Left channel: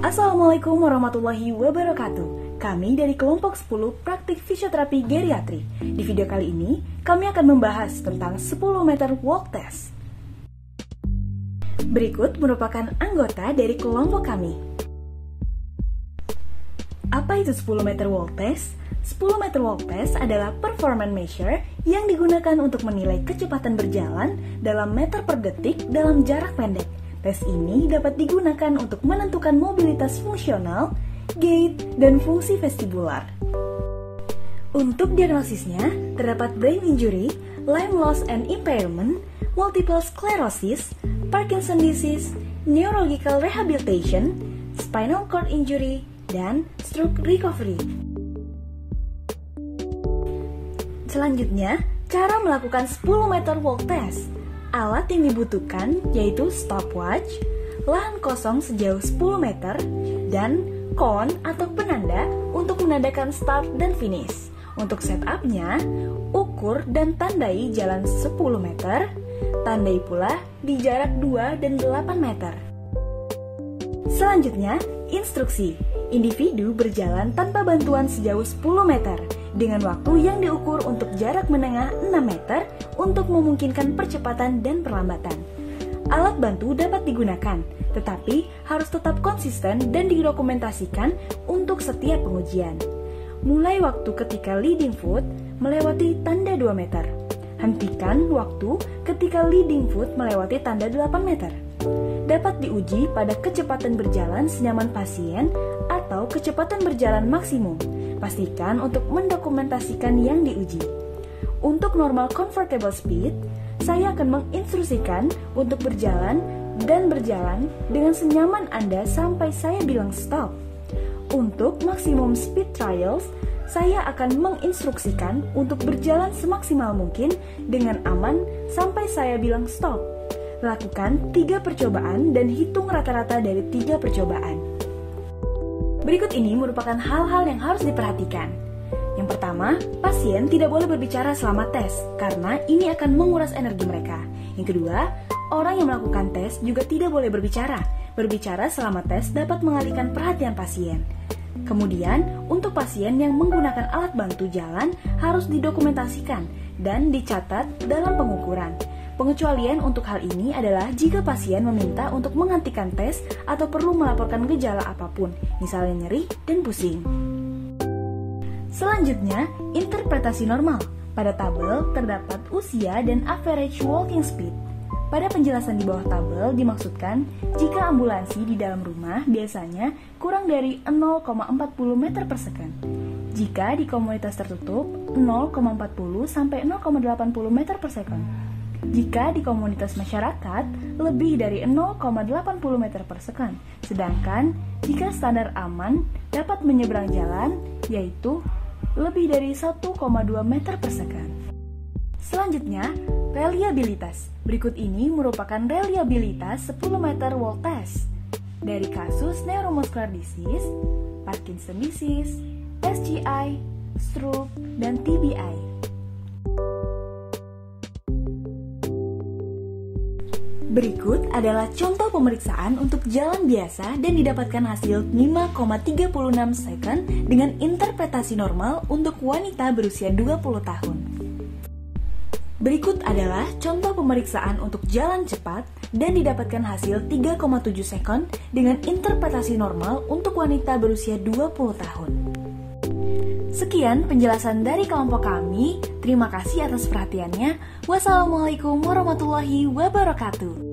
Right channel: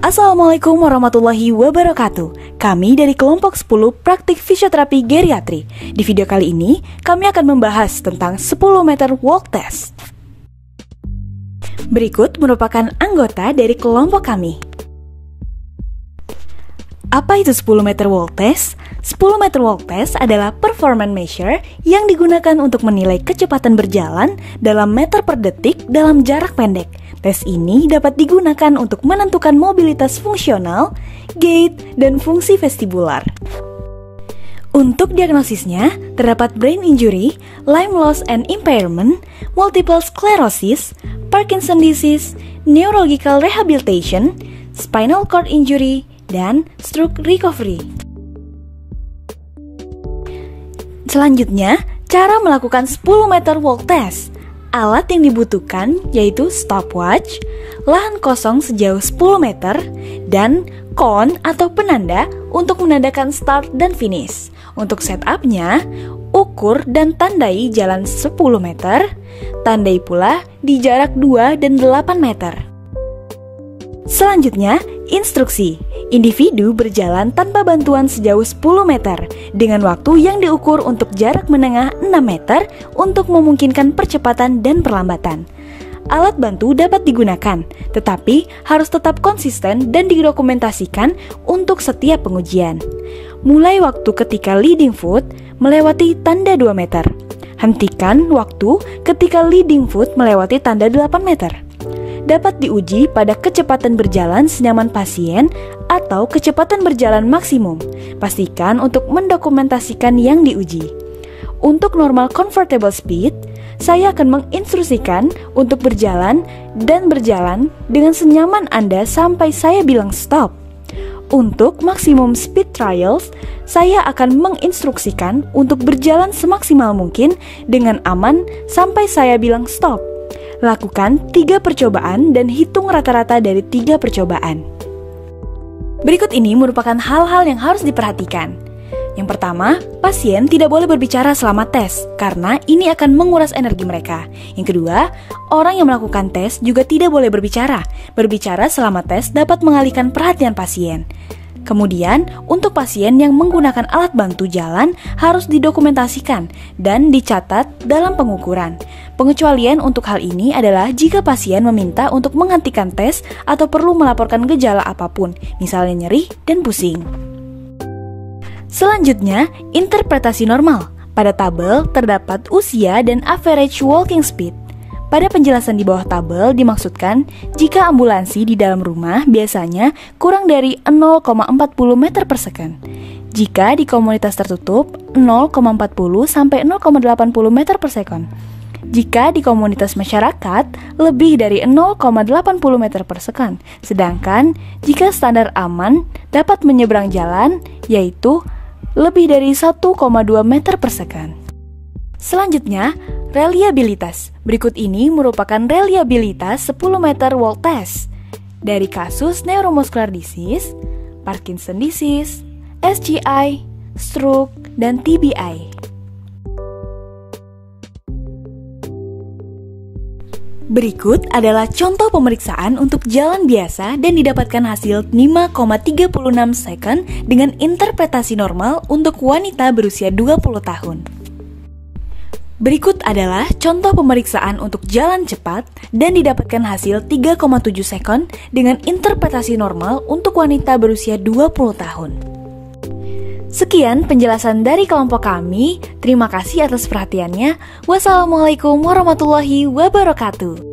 Assalamualaikum warahmatullahi wabarakatuh. Kami dari kelompok 10 praktik fisioterapi geriatri. Di video kali ini, kami akan membahas tentang 10 meter walk test. Berikut merupakan anggota dari kelompok kami. Apa itu 10 meter walk test? 10 meter walk test adalah performance measure yang digunakan untuk menilai kecepatan berjalan dalam meter per detik dalam jarak pendek. Tes ini dapat digunakan untuk menentukan mobilitas fungsional, gait, dan fungsi vestibular. Untuk diagnosisnya, terdapat brain injury, limb loss and impairment, multiple sclerosis, Parkinson disease, neurological rehabilitation, spinal cord injury, dan stroke recovery. Selanjutnya, cara melakukan 10 meter walk test. Alat yang dibutuhkan yaitu stopwatch, lahan kosong sejauh 10 meter, dan cone atau penanda untuk menandakan start dan finish. Untuk setupnya, ukur dan tandai jalan 10 meter, tandai pula di jarak 2 dan 8 meter. Selanjutnya, instruksi. Individu berjalan tanpa bantuan sejauh 10 meter dengan waktu yang diukur untuk jarak menengah 6 meter untuk memungkinkan percepatan dan perlambatan. Alat bantu dapat digunakan, tetapi harus tetap konsisten dan didokumentasikan untuk setiap pengujian. Mulai waktu ketika leading foot melewati tanda 2 meter. Hentikan waktu ketika leading foot melewati tanda 8 meter. Dapat diuji pada kecepatan berjalan senyaman pasien atau kecepatan berjalan maksimum. Pastikan untuk mendokumentasikan yang diuji. Untuk normal comfortable speed, saya akan menginstruksikan untuk berjalan dan berjalan dengan senyaman Anda sampai saya bilang stop. Untuk maksimum speed trials, saya akan menginstruksikan untuk berjalan semaksimal mungkin dengan aman sampai saya bilang stop. Lakukan 3 percobaan dan hitung rata-rata dari 3 percobaan. Berikut ini merupakan hal-hal yang harus diperhatikan. Yang pertama, pasien tidak boleh berbicara selama tes, karena ini akan menguras energi mereka. Yang kedua, orang yang melakukan tes juga tidak boleh berbicara. Berbicara selama tes dapat mengalihkan perhatian pasien. Kemudian, untuk pasien yang menggunakan alat bantu jalan harus didokumentasikan dan dicatat dalam pengukuran. Pengecualian untuk hal ini adalah jika pasien meminta untuk menghentikan tes atau perlu melaporkan gejala apapun, misalnya nyeri dan pusing. Selanjutnya, interpretasi normal. Pada tabel terdapat usia dan average walking speed. Pada penjelasan di bawah tabel dimaksudkan jika ambulansi di dalam rumah biasanya kurang dari 0,40 meter per second. Jika di komunitas tertutup 0,40 sampai 0,80 meter per second. Jika di komunitas masyarakat lebih dari 0,80 meter per second. Sedangkan jika standar aman dapat menyeberang jalan yaitu lebih dari 1,2 meter per second. Selanjutnya, reliabilitas. Berikut ini merupakan reliabilitas 10 meter walk test dari kasus neuromuscular disease, Parkinson disease, SGI, stroke, dan TBI. Berikut adalah contoh pemeriksaan untuk jalan biasa dan didapatkan hasil 5,36 second dengan interpretasi normal untuk wanita berusia 20 tahun. Berikut adalah contoh pemeriksaan untuk jalan cepat dan didapatkan hasil 3,7 second dengan interpretasi normal untuk wanita berusia 20 tahun. Sekian penjelasan dari kelompok kami. Terima kasih atas perhatiannya. Wassalamualaikum warahmatullahi wabarakatuh.